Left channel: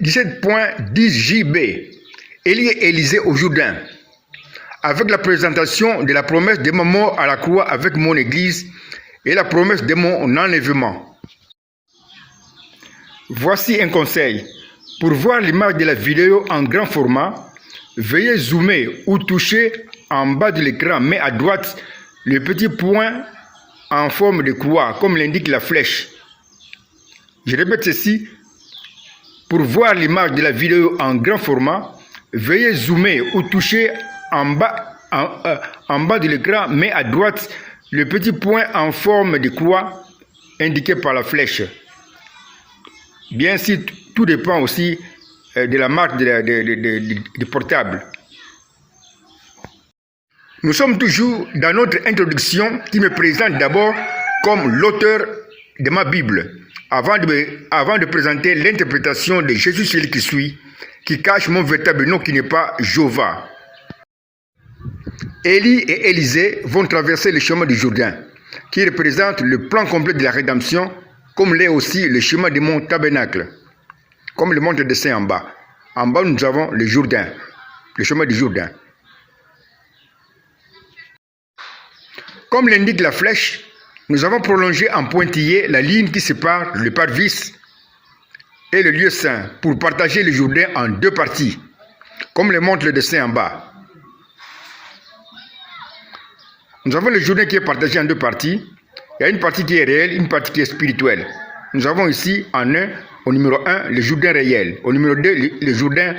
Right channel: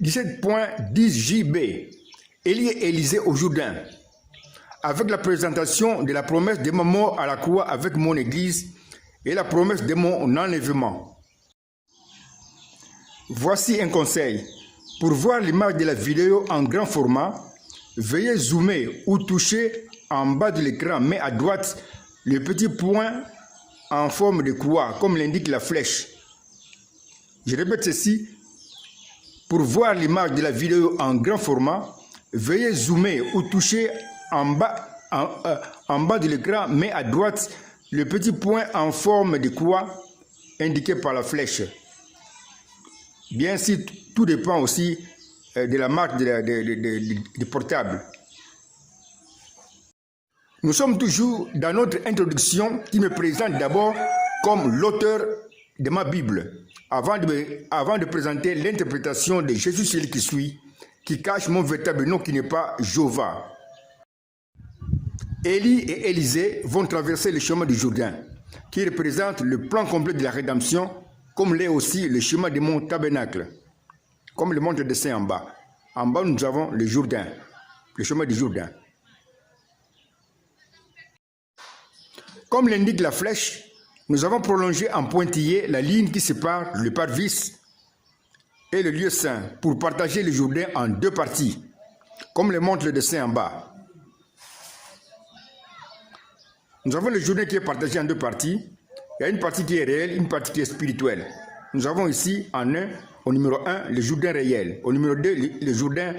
17.10 JB. Élie et Élisée au Jourdain. Avec la présentation de la promesse de ma mort à la croix avec mon église et la promesse de mon enlèvement. Voici un conseil. Pour voir l'image de la vidéo en grand format, veuillez zoomer ou toucher en bas de l'écran, mais à droite, le petit point en forme de croix, comme l'indique la flèche. Je répète ceci. Pour voir l'image de la vidéo en grand format, veuillez zoomer ou toucher en bas de l'écran, mais à droite, le petit point en forme de croix indiqué par la flèche. Bien sûr, tout dépend aussi de la marque du portable. Nous sommes toujours dans notre introduction qui me présente d'abord comme l'auteur de ma Bible, avant de présenter l'interprétation de Jésus celui qui suit, qui cache mon véritable nom qui n'est pas Jéhovah. Élie et Élisée vont traverser le chemin du Jourdain, qui représente le plan complet de la rédemption, comme l'est aussi le chemin de mon tabernacle, comme le montre le dessin en bas. En bas, nous avons le Jourdain, le chemin du Jourdain. Comme l'indique la flèche, nous avons prolongé en pointillé la ligne qui sépare le parvis et le lieu saint pour partager le Jourdain en deux parties, comme le montre le dessin en bas. Nous avons le Jourdain qui est partagé en deux parties. Il y a une partie qui est réelle, une partie qui est spirituelle. Nous avons ici au numéro 1, le Jourdain réel. Au numéro 2, le Jourdain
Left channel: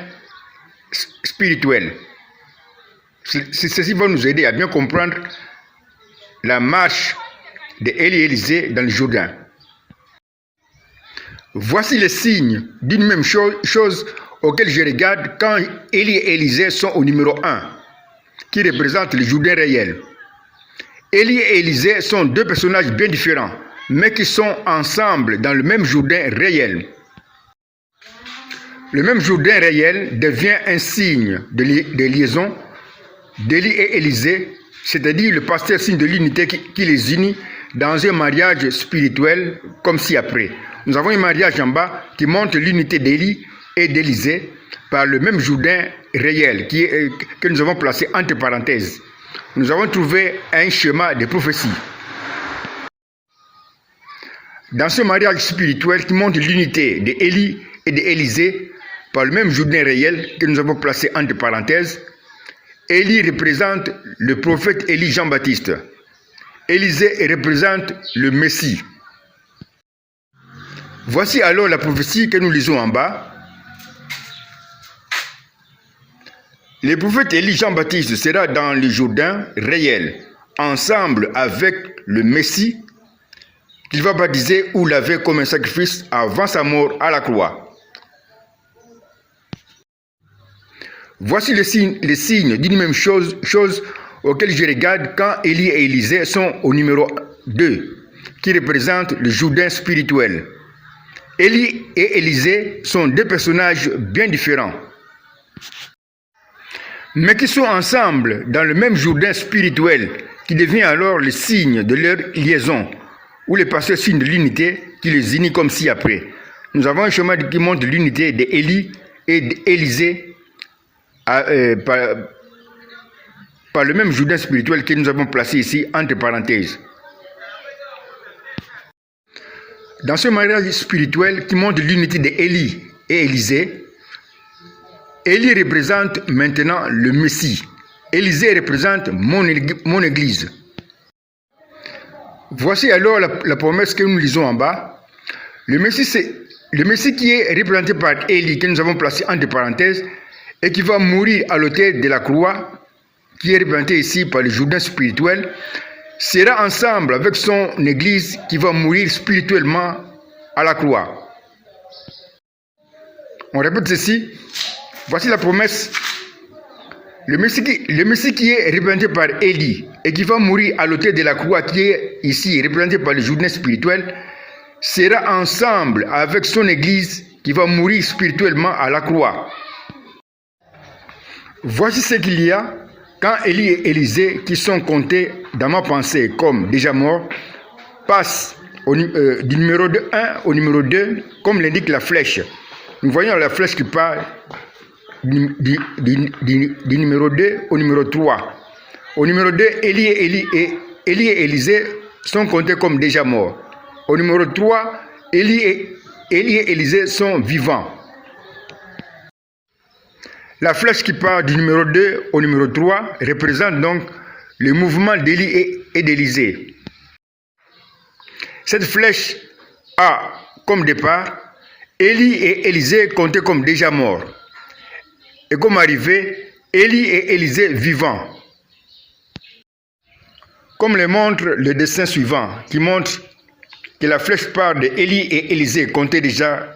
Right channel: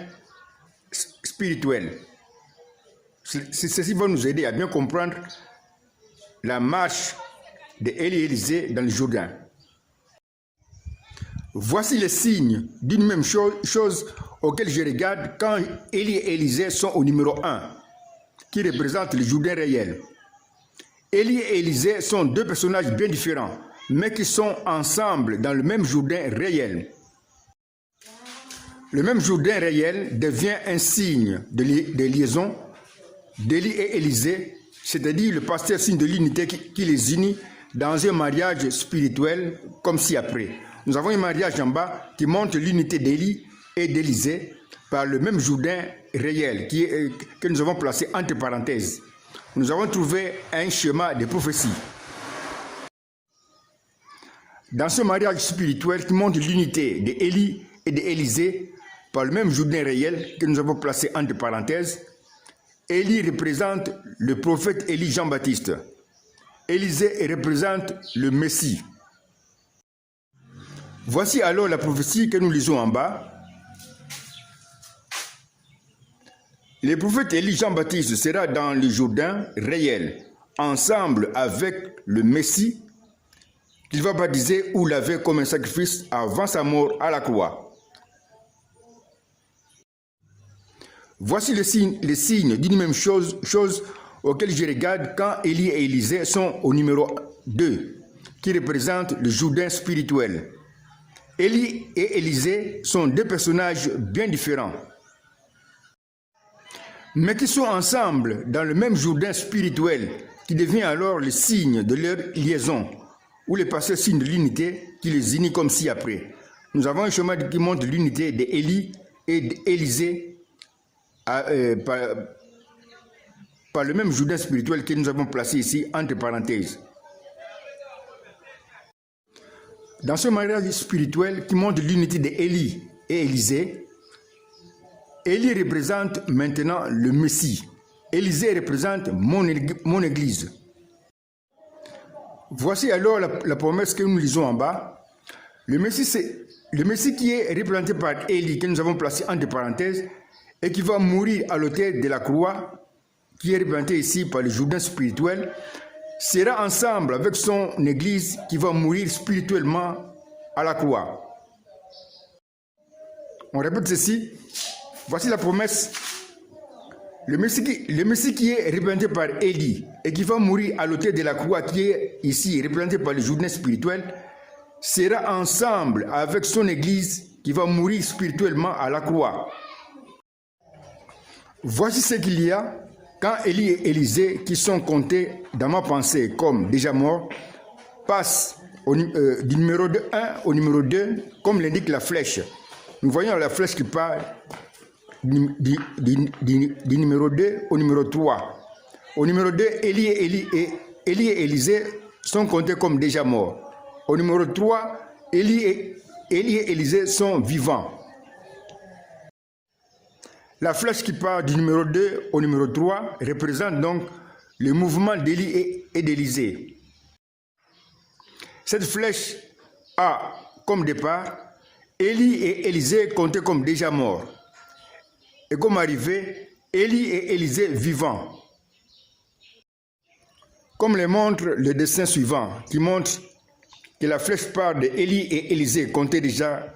spirituel. Ceci va nous aider à bien comprendre la marche d'Élie et Élisée dans le Jourdain. Voici les signes d'une même chose auxquels je regarde quand Élie et Élisée sont au numéro 1, qui représente le Jourdain réel. Élie et Élisée sont deux personnages bien différents, mais qui sont ensemble dans le même Jourdain réel. Le même Jourdain réel devient un signe de liaison d'Élie et Élisée, c'est-à-dire le pasteur signe de l'unité qui les unit dans un mariage spirituel comme ci-après. Nous avons un mariage en bas qui montre l'unité d'Élie et d'Élisée par le même Jourdain réel que nous avons placé entre parenthèses. Nous avons trouvé un schéma de prophétie. Dans ce mariage spirituel qui montre l'unité d'Élie et d'Élisée par le même Jourdain réel que nous avons placé entre parenthèses, Élie représente le prophète Élie Jean-Baptiste. Élisée représente le Messie. Voici alors la prophétie que nous lisons en bas. Le prophète Élie Jean-Baptiste sera dans le Jourdain réel, ensemble avec le Messie, qu'il va baptiser ou laver comme un sacrifice avant sa mort à la croix. Voici les signes d'une même chose auxquels je regarde quand Élie et Élisée sont au numéro 2, qui représente le Jourdain spirituel. Élie et Élisée sont deux personnages bien différents, mais qui sont ensemble dans le même Jourdain spirituel, qui devient alors le signe de leur liaison, ou les pasteurs signe de l'unité qui les unit comme ci-après. Nous avons un chemin qui montre l'unité d'Élie et d'Élisée par le même Jourdain spirituel que nous avons placé ici entre parenthèses. Dans ce mariage spirituel qui montre l'unité d'Élie et Élisée, Élie représente maintenant le Messie. Élisée représente mon Église. Voici alors la promesse que nous lisons en bas. Le Messie qui est représenté par Élie, que nous avons placé entre parenthèses, et qui va mourir à l'autel de la croix, qui est représenté ici par le Jourdain spirituel, sera ensemble avec son Église qui va mourir spirituellement à la croix. On répète ceci. Voici la promesse. Le Messie qui est représenté par Élie et qui va mourir à l'autel de la croix, qui est ici représenté par le Jourdain spirituel, sera ensemble avec son Église qui va mourir spirituellement à la croix. Voici ce qu'il y a quand Élie et Élisée, qui sont comptés dans ma pensée comme déjà morts, passent du numéro 1 au numéro 2, comme l'indique la flèche. nous voyons la flèche qui part du numéro 2 au numéro 3. Au numéro 2, Élie et Élisée sont comptés comme déjà morts. Au numéro 3, Élie et Élisée sont vivants. La flèche qui part du numéro 2 au numéro 3 représente donc le mouvement d'Élie et d'Élisée. Cette flèche a comme départ Élie et Élisée comptés comme déjà morts. Et comme arrivée, Élie et Élisée vivants. Comme le montre le dessin suivant, qui montre que la flèche part de Élie et Élisée comptés déjà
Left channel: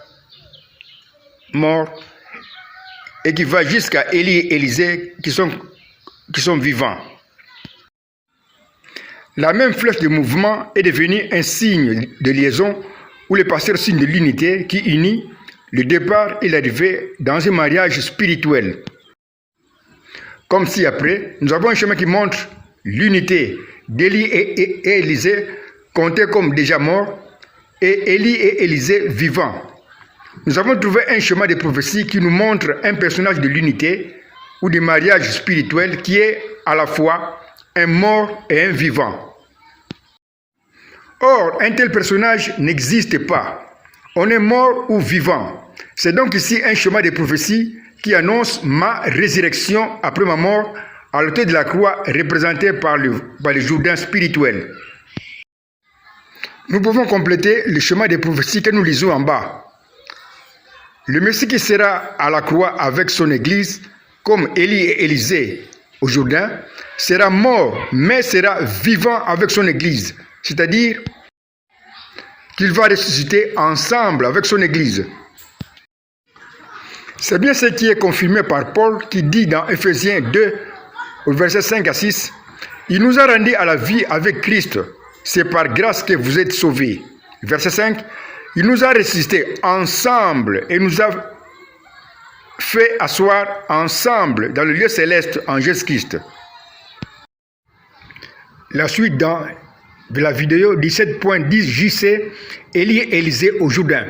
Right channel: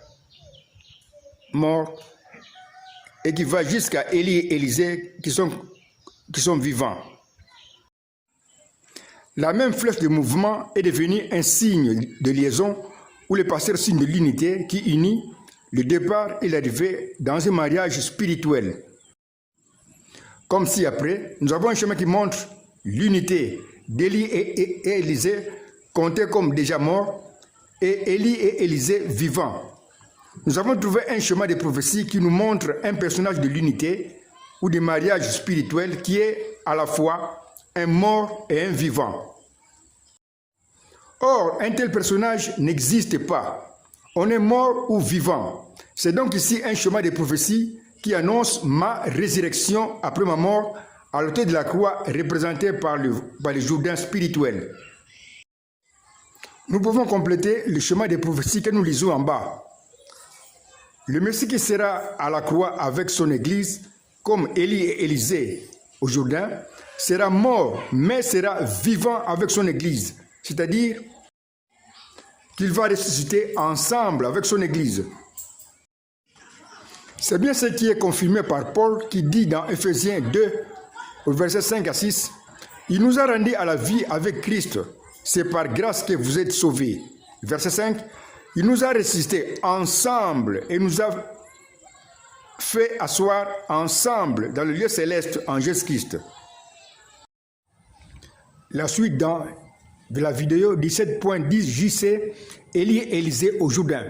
morts, et qui va jusqu'à Élie et Élisée qui sont vivants. La même flèche de mouvement est devenue un signe de liaison où le pasteur signe de l'unité qui unit le départ et l'arrivée dans un mariage spirituel. Comme si après, nous avons un chemin qui montre l'unité d'Élie et Élisée comptés comme déjà morts et Élie et Élisée vivants. Nous avons trouvé un chemin de prophétie qui nous montre un personnage de l'unité ou du mariage spirituel qui est à la fois un mort et un vivant. Or, un tel personnage n'existe pas. On est mort ou vivant. C'est donc ici un chemin de prophétie qui annonce ma résurrection après ma mort à l'autel de la croix représentée par le Jourdain spirituel. Nous pouvons compléter le chemin de prophétie que nous lisons en bas. Le Messie qui sera à la croix avec son Église, comme Élie et Élisée au Jourdain, sera mort, mais sera vivant avec son Église. C'est-à-dire qu'il va ressusciter ensemble avec son Église. C'est bien ce qui est confirmé par Paul qui dit dans Ephésiens 2, au verset 5 à 6, « Il nous a rendus à la vie avec Christ. C'est par grâce que vous êtes sauvés. » Verset 5, « Il nous a ressuscités ensemble et nous a fait asseoir ensemble dans le lieu céleste en Jésus-Christ. » La suite de la vidéo 17.10 JC, Élie et Élisée au Jourdain.